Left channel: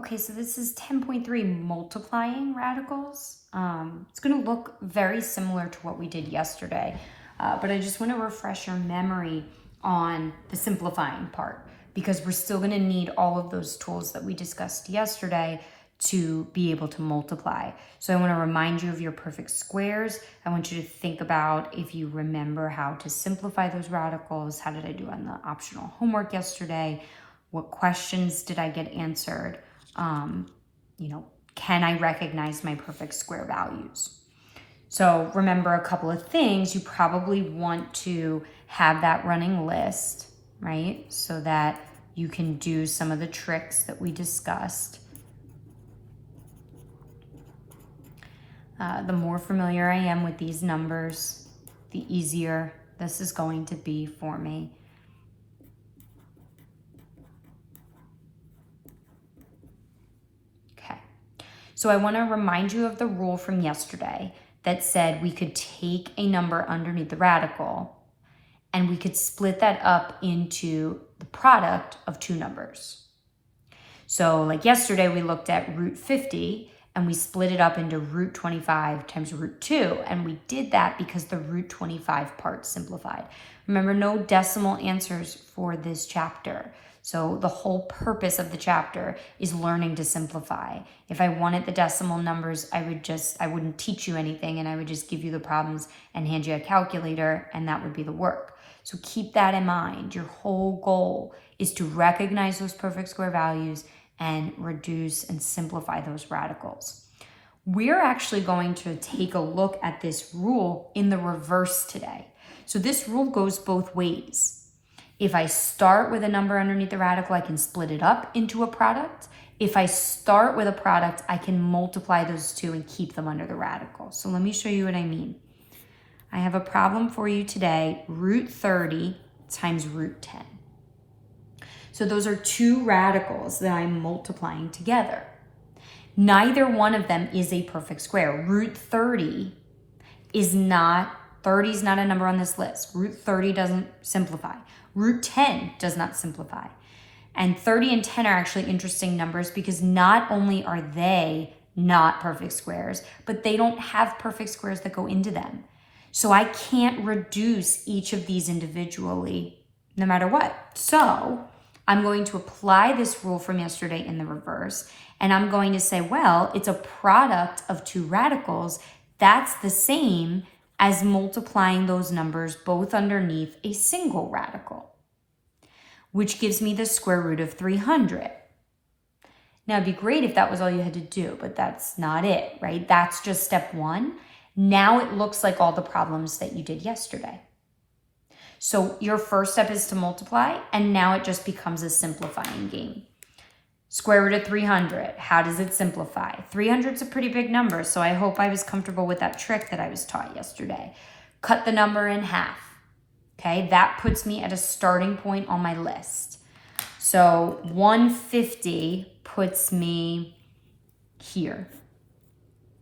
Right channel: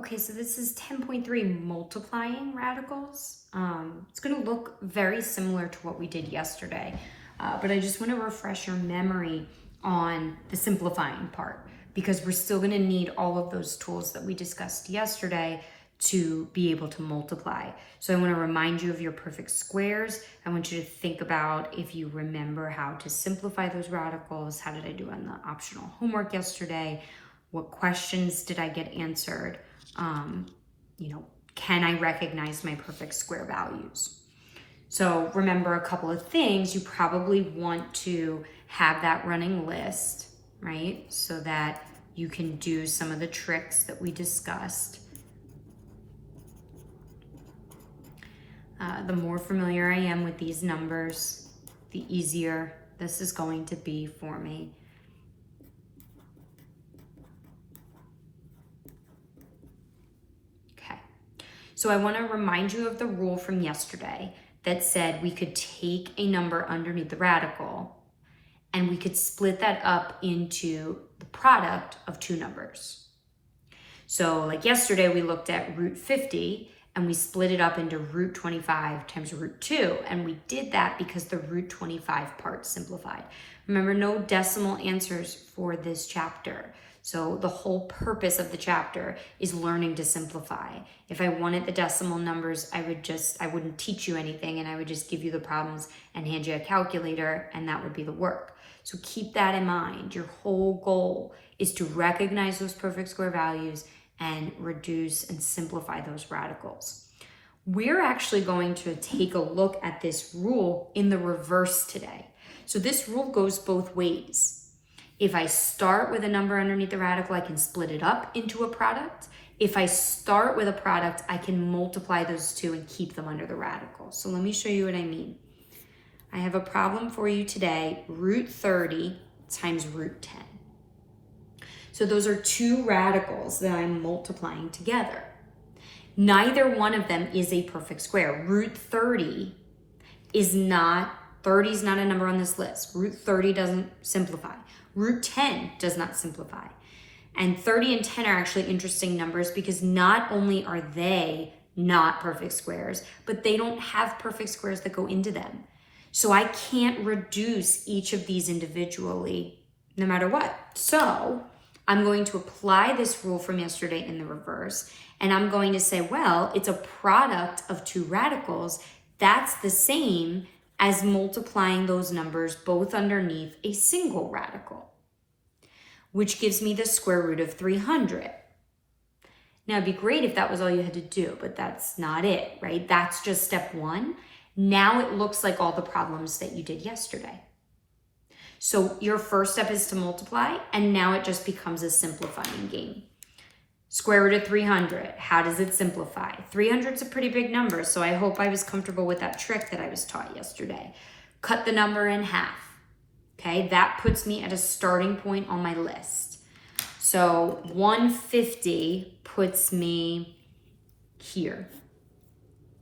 Okay, so this is 10.3 multiplying radicals. It's going to look very similar to what we did yesterday, but I just want to refresh your memory on the simplifying part because we're still going to need all of those tools that we discussed yesterday to be able to multiply. So I want to remind you of your perfect squares. I want you to think about if you remember how to simplify those radicals. How did I do on the optional homework yesterday? What questions did I get answered? Can I recognize my perfect square values? So remember a couple of things. You probably want to have that running list, right? So that you can do some of the tricks that we discussed. The more familiar I am with these numbers, the easier this is going to be for me. So I want to remind you of the rule from yesterday that said we could take a number underneath the radical and we could split that up into the product of two numbers. So like yesterday, we looked at root 50 and we split it up into root 25 times root 2. And we did that because the root 25 part simplified. Remember, no decimal answers for this chapter. So the whole purpose of the chapter is learning to simplify. If I wanted the decimal numbers, I wouldn't teach you anything and I would just give you the problems and hand you a calculator and that would be the work. So keep that in mind. Your whole goal is to recognize those perfect square values and reduce and simplify those radicals. We're actually going to take a look at this rule in the reverse today. So this rule goes both ways. If I start with a number underneath the radical, I can split it up into a product. If I start with a product, I can multiply those two and keep them under the radical. So let me show you what I mean. I have a problem for you today, root 30 times root 10. So those are two radicals that I'm multiplying together. Neither one of them is a perfect square. Root 30 is not a number on this list. Root 30 doesn't simplify. Root 10 does not simplify. And 30 and 10 are actually interesting numbers because not only are they not perfect squares, but they don't have perfect squares that go into them. So I can't reduce each of these individually no matter what. So I'm going to apply this rule from yesterday in the reverse, and I'm going to say, well, it's a product of two radicals. That's the same as multiplying those numbers both underneath a single radical, which gives me the square root of 300. Now, it'd be great if that was all you had to do, but that's not it, right? That's just step one. Now it looks like all the problems that you did yesterday. So your first step is to multiply, and now it just becomes a simplifying game. Square root of 300, how does it simplify? 300 is a pretty big number, so I hope I was comfortable with that trick that I was taught yesterday. Cut the number in half, okay? That puts me at a starting point on my list. So 150 puts me here,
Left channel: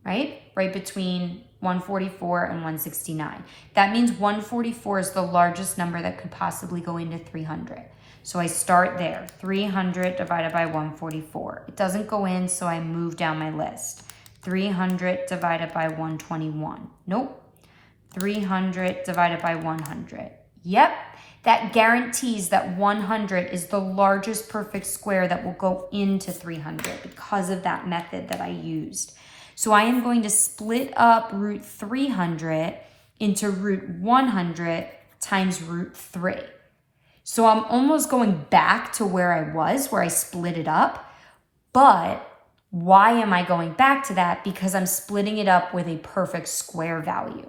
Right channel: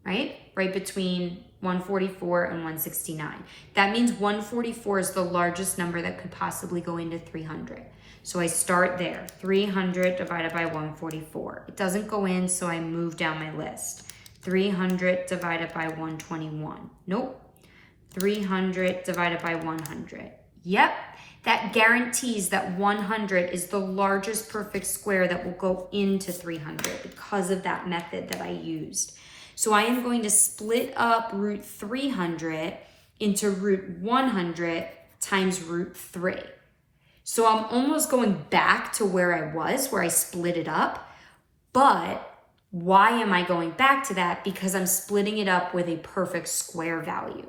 right? Right between 144 and 169. That means 144 is the largest number that could possibly go into 300. So I start there, 300 divided by 144. It doesn't go in, so I move down my list. 300 divided by 121. Nope. 300 divided by 100. Yep, that guarantees that 100 is the largest perfect square that will go into 300 because of that method that I used. So I am going to split up root 300 into root 100 times root 3. So I'm almost going back to where I was, where I split it up. But why am I going back to that? Because I'm splitting it up with a perfect square value,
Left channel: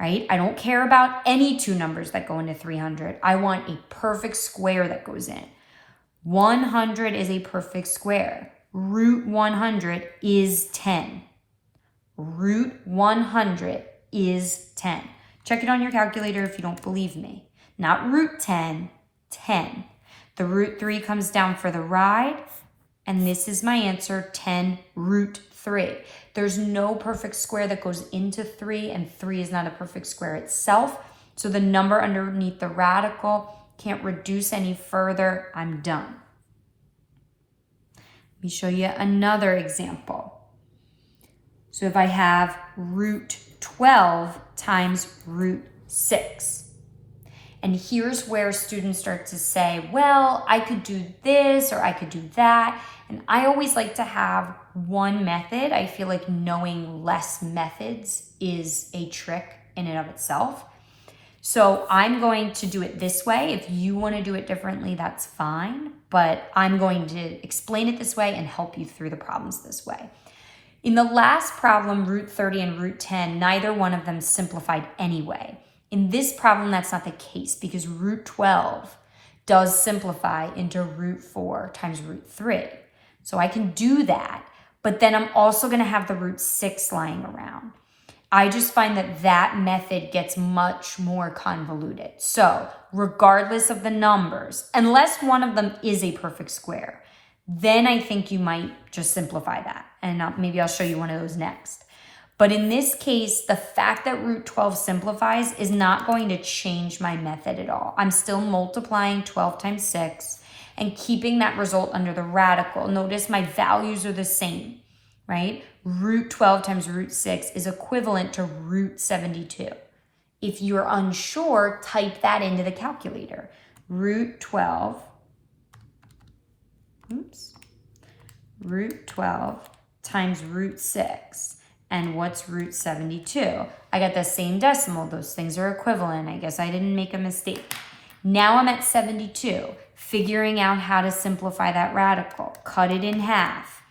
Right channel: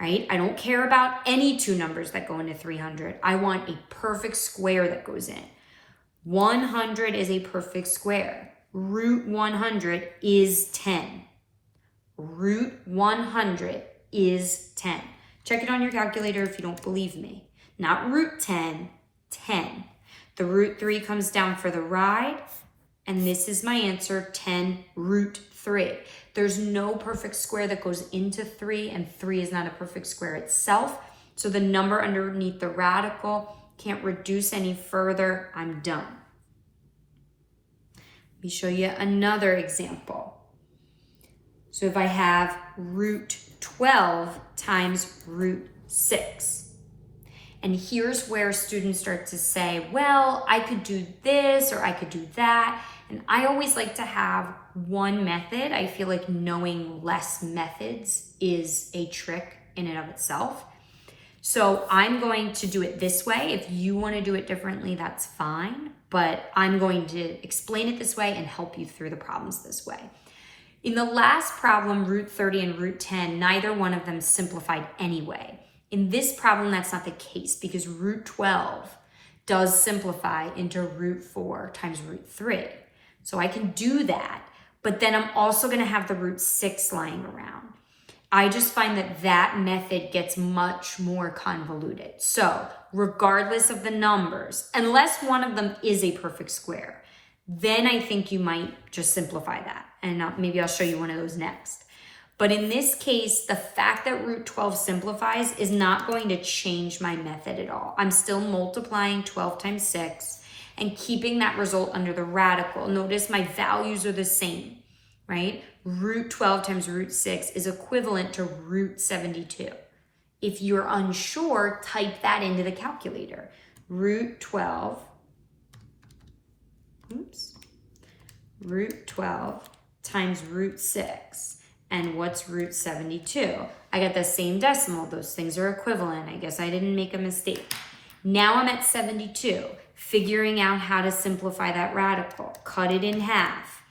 right? I don't care about any two numbers that go into 300. I want a perfect square that goes in. 100 is a perfect square. Root 100 is 10. Root 100 is 10. Check it on your calculator if you don't believe me. Not root 10, 10. The root 3 comes down for the ride, and this is my answer, 10 root 3. There's no perfect square that goes into 3, and 3 is not a perfect square itself. So the number underneath the radical can't reduce any further. I'm done. Let me show you another example. So if I have root 12 times root 6, and here's where students start to say, well, I could do this or I could do that. And I always like to have one method. I feel like knowing less methods is a trick in and of itself. So I'm going to do it this way. If you want to do it differently, that's fine. But I'm going to explain it this way and help you through the problems this way. In the last problem, root 30 and root 10, neither one of them simplified anyway. In this problem, that's not the case because root 12 does simplify into root 4 times root 3. So I can do that, but then I'm also going to have the root 6 lying around. I just find that that method gets much more convoluted. So regardless of the numbers, unless one of them is a perfect square, then I think you might just simplify that. And maybe I'll show you one of those next. But in this case, the fact that root 12 simplifies is not going to change my method at all. I'm still multiplying 12 times 6 and keeping that result under the radical. Notice my values are the same, right? Root 12 times root 6 is equivalent to root 72. If you're unsure, type that into the calculator. Root 12 times root 6. And what's root 72? I got the same decimal. Those things are equivalent. I guess I didn't make a mistake. Now I'm at 72, figuring out how to simplify that radical. Cut it in half.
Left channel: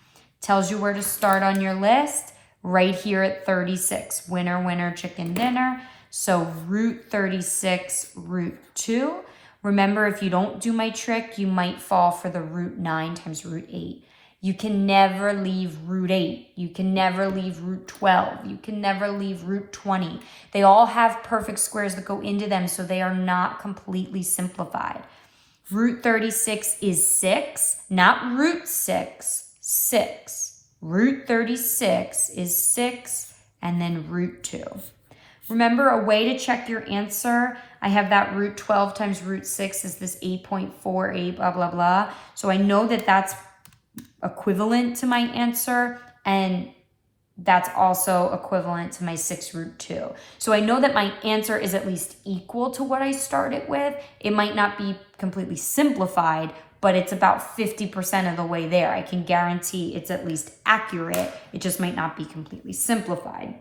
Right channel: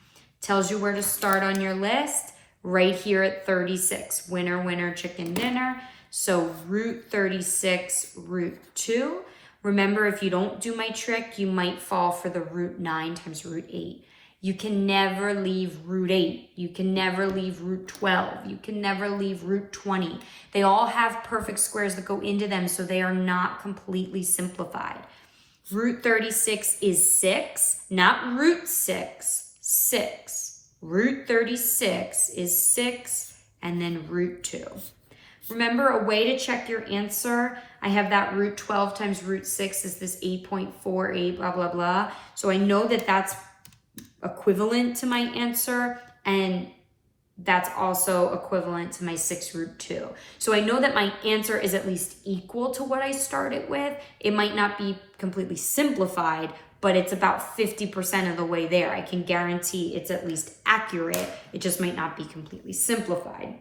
Tells you where to start on your list, right here at 36. Winner, winner, chicken dinner. So root 36, root 2. Remember, if you don't do my trick, you might fall for the root 9 times root 8. You can never leave root 8. You can never leave root 12. You can never leave root 20. They all have perfect squares that go into them, so they are not completely simplified. Root 36 is 6, not root 6. 6. Root 36 is 6 and then root 2. Remember, a way to check your answer, I have that root 12 times root 6 is this 8.48 blah, blah, blah. So I know that that's equivalent to my answer, and that's also equivalent to my 6 root 2. So I know that my answer is at least equal to what I started with. It might not be completely simplified, but it's about 50% of the way there. I can guarantee it's at least accurate. It just might not be completely simplified.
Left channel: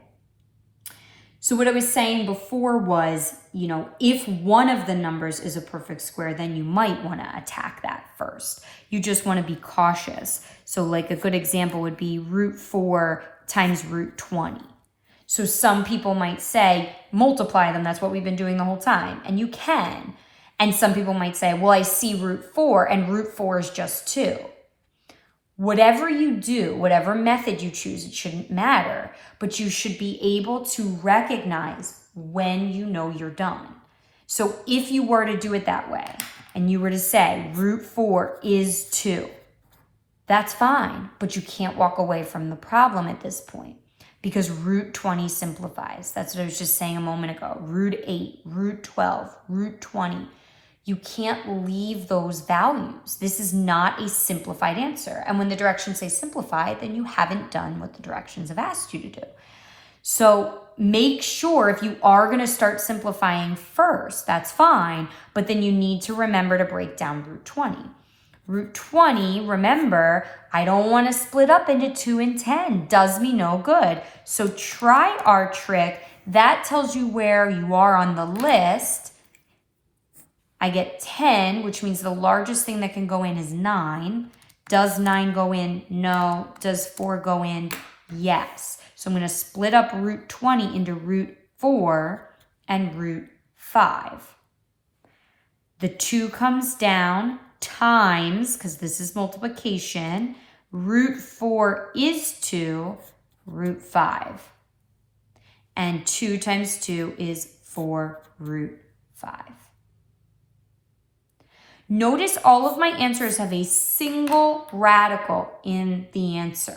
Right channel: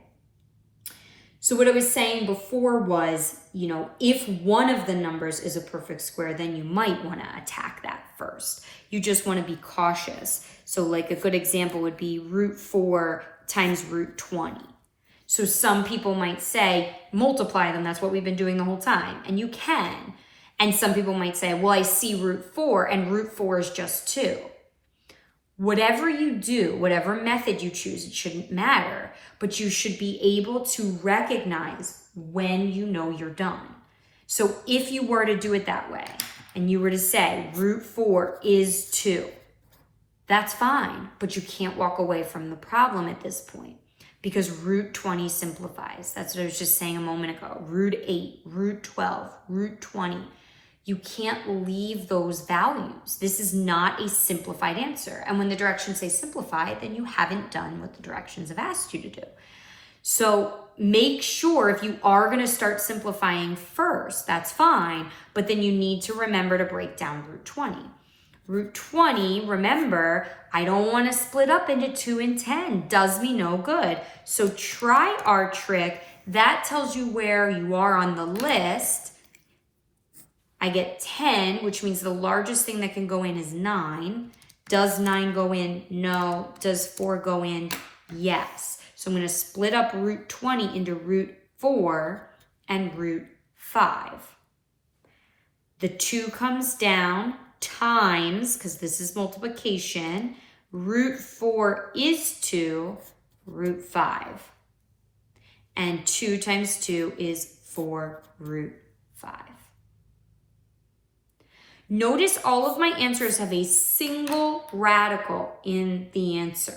So what I was saying before was, if one of the numbers is a perfect square, then you might want to attack that first. You just want to be cautious. So like a good example would be root 4 times root 20. So some people might say, multiply them. That's what we've been doing the whole time. And you can. And some people might say, well, I see root 4 and root 4 is just 2. Whatever you do, whatever method you choose, it shouldn't matter, but you should be able to recognize when you know you're done. So if you were to do it that way and you were to say root 4 is 2, that's fine, but you can't walk away from the problem at this point because root 20 simplifies. That's what I was just saying a moment ago. Root 8, root 12, root 20. You can't leave those values. This is not a simplified answer. And when the directions say simplify, then you haven't done what the directions have asked you to do. So make sure if you are going to start simplifying first, that's fine, but then you need to remember to break down root 20. Root 20, remember, I don't want to split up into 2 and 10. Does me no good. So try our trick. That tells you where you are on the list. I get 10, which means the largest thing that can go in is 9. Does 9 go in? No. Does 4 go in? Yes. So I'm going to split up root 20 into root 4 and root 5. The 2 comes down times, because this is multiplication, root 4 is 2, root 5. And 2 times 2 is 4 root 5. Notice all of my answers have a single radical in the answer.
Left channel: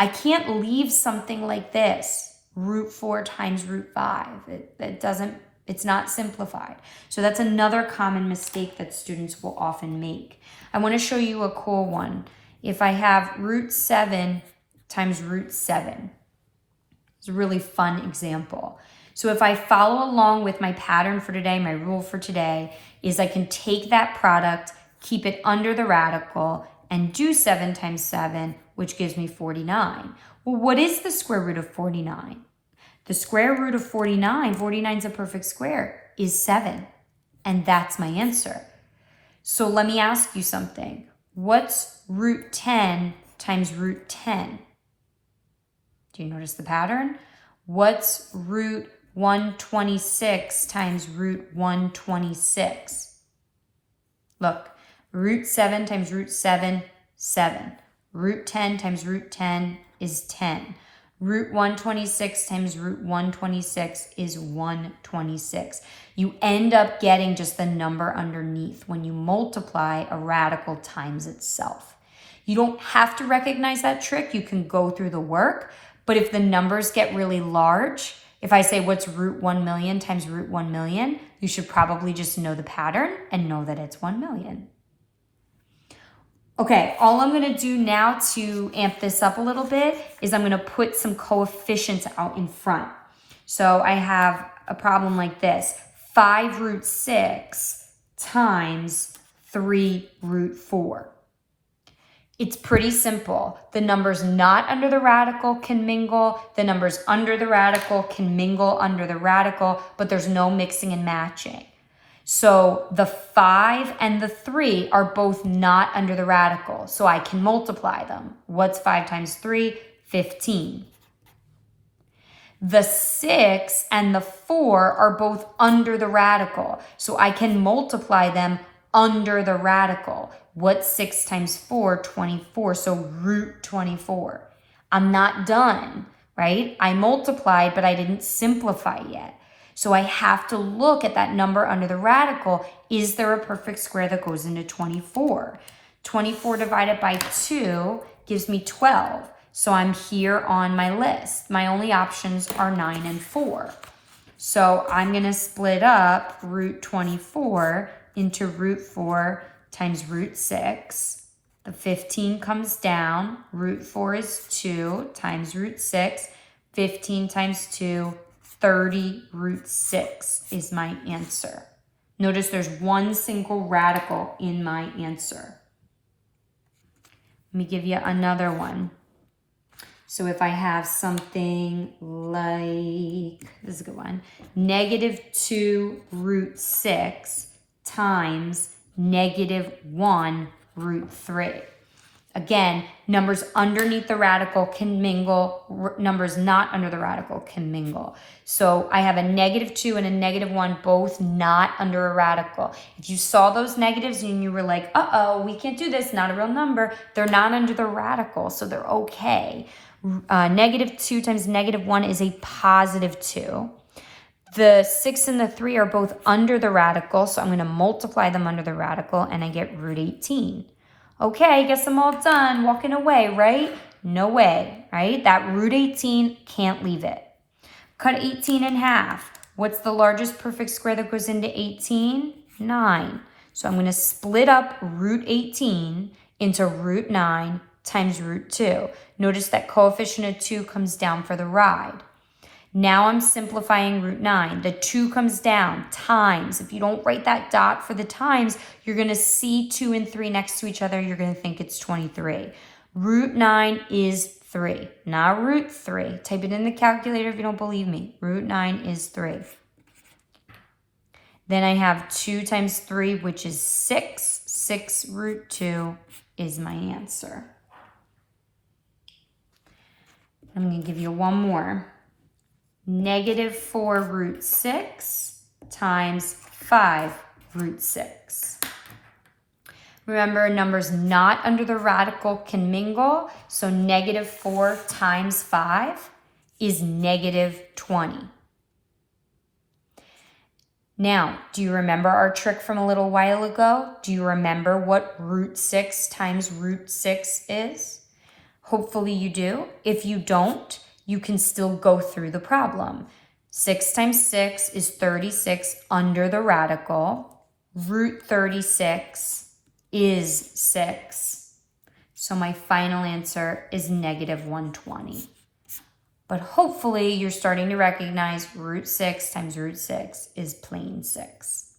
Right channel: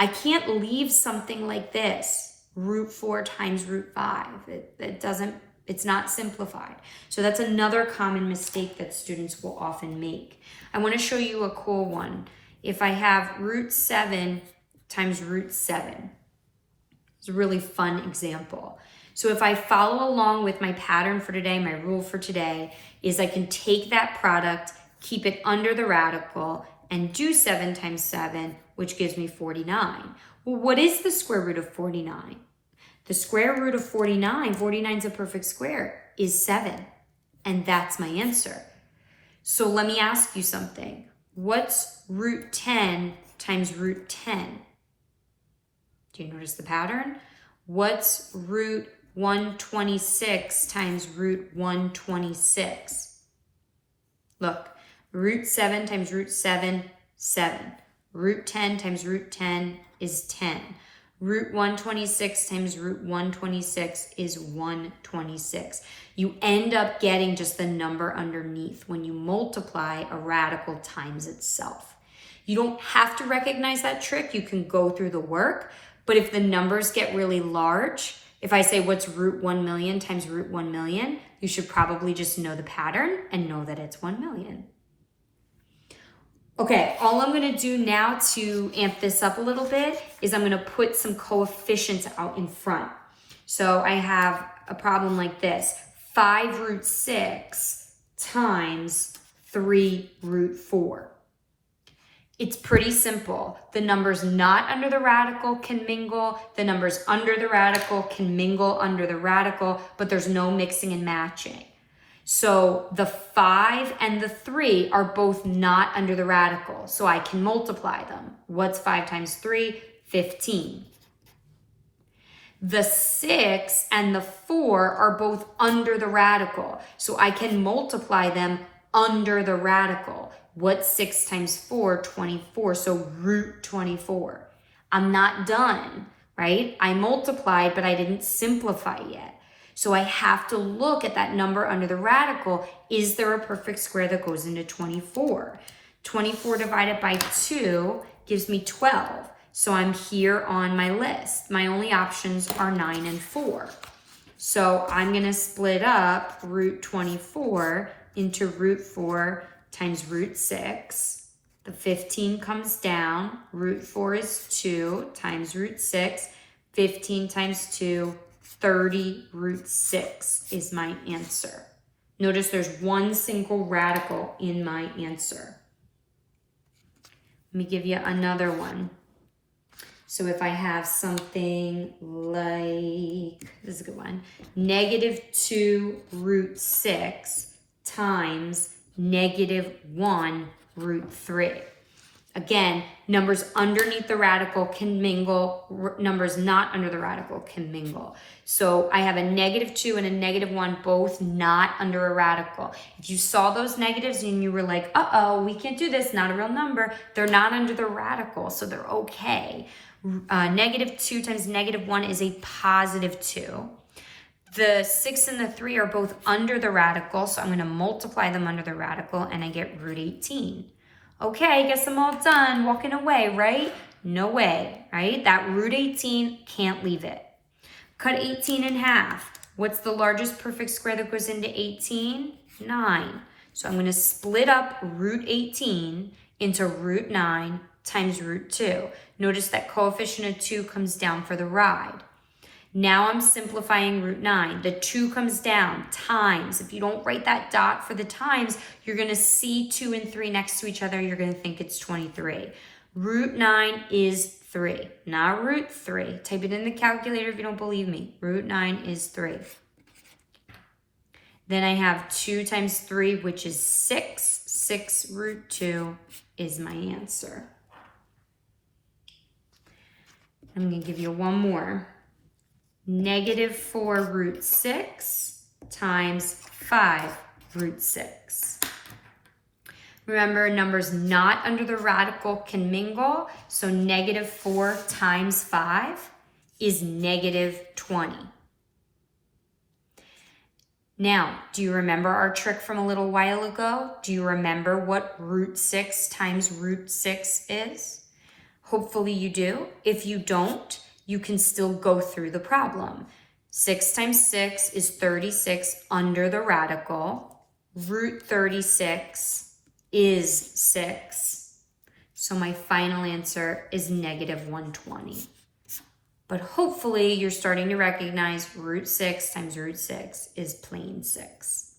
I can't leave something like this, root 4 times root 5. It's not simplified. So that's another common mistake that students will often make. I want to show you a cool one. if I have root 7 times root 7. It's a really fun example. So if I follow along with my pattern for today, my rule for today is I can take that product, keep it under the radical, and do 7 times 7, which gives me 49. Well, what is the square root of 49? The square root of 49, 49 is a perfect square, is 7. And that's my answer. So let me ask you something. What's root 10 times root 10? Do you notice the pattern? What's root 126 times root 126? Look, root 7 times root 7, 7. Root 10 times root 10 is 10. Root 126 times root 126 is 126. You end up getting just the number underneath when you multiply a radical times itself. You don't have to recognize that trick. You can go through the work, but if the numbers get really large, if I say what's root 1 million times root 1 million, you should probably just know the pattern and know that it's 1 million. Okay, all I'm going to do now to amp this up a little bit is I'm going to put some coefficients out in front. So I have a problem like this. 5 root 6 times 3 root 4. It's pretty simple. The numbers not under the radical can mingle. The numbers under the radical can mingle under the radical, but there's no mixing and matching. So the 5 and the 3 are both not under the radical, so I can multiply them. What's 5 times 3? 15. The 6 and the 4 are both under the radical, so I can multiply them under the radical. What's 6 times 4? 24, so root 24. I'm not done, right? I multiplied, but I didn't simplify yet. So I have to look at that number under the radical. Is there a perfect square that goes into 24? 24 divided by 2 gives me 12. So I'm here on my list. My only options are 9 and 4. So I'm going to split up root 24 into root 4 times root 6. The 15 comes down. Root 4 is 2 times root 6. 15 times 2, 30 root 6 is my answer. Notice there's one single radical in my answer. Let me give you another one. So if I have something like, this is a good one, negative 2 root 6 times negative 1 root 3. Again, numbers underneath the radical can mingle, numbers not under the radical can mingle. So I have a negative 2 and a negative 1, both not under a radical. If you saw those negatives and you were like, uh-oh, we can't do this, not a real number, they're not under the radical, so they're okay. Negative 2 times negative 1 is a positive 2. The 6 and the 3 are both under the radical, so I'm going to multiply them under the radical, and I get root 18. Okay, I guess I'm all done, walking away, right? No way, right? That root 18, can't leave it. Cut 18 in half. What's the largest perfect square that goes into 18? 9. So I'm going to split up root 18 into root 9 times root 2. Notice that coefficient of 2 comes down for the ride. Now I'm simplifying root 9. The 2 comes down, times. If you don't write that dot for the times, you're going to see 2 and 3 next to each other. You're going to think it's 23. Root 9 is 3, not root 3. Type it in the calculator if you don't believe me. Root 9 is 3. Then I have 2 times 3, which is 6. 6 root 2 is my answer. I'm going to give you one more. Negative 4 root 6 times 5 root 6. Remember, numbers not under the radical can mingle, so negative 4 times 5 is negative 20. Now, do you remember our trick from a little while ago? Do you remember what root 6 times root 6 is? Hopefully you do. If you don't, you can still go through the problem. 6 times 6 is 36 under the radical. Root 36 is 6. So my final answer is negative 120. But hopefully you're starting to recognize root 6 times root 6 is plane 6.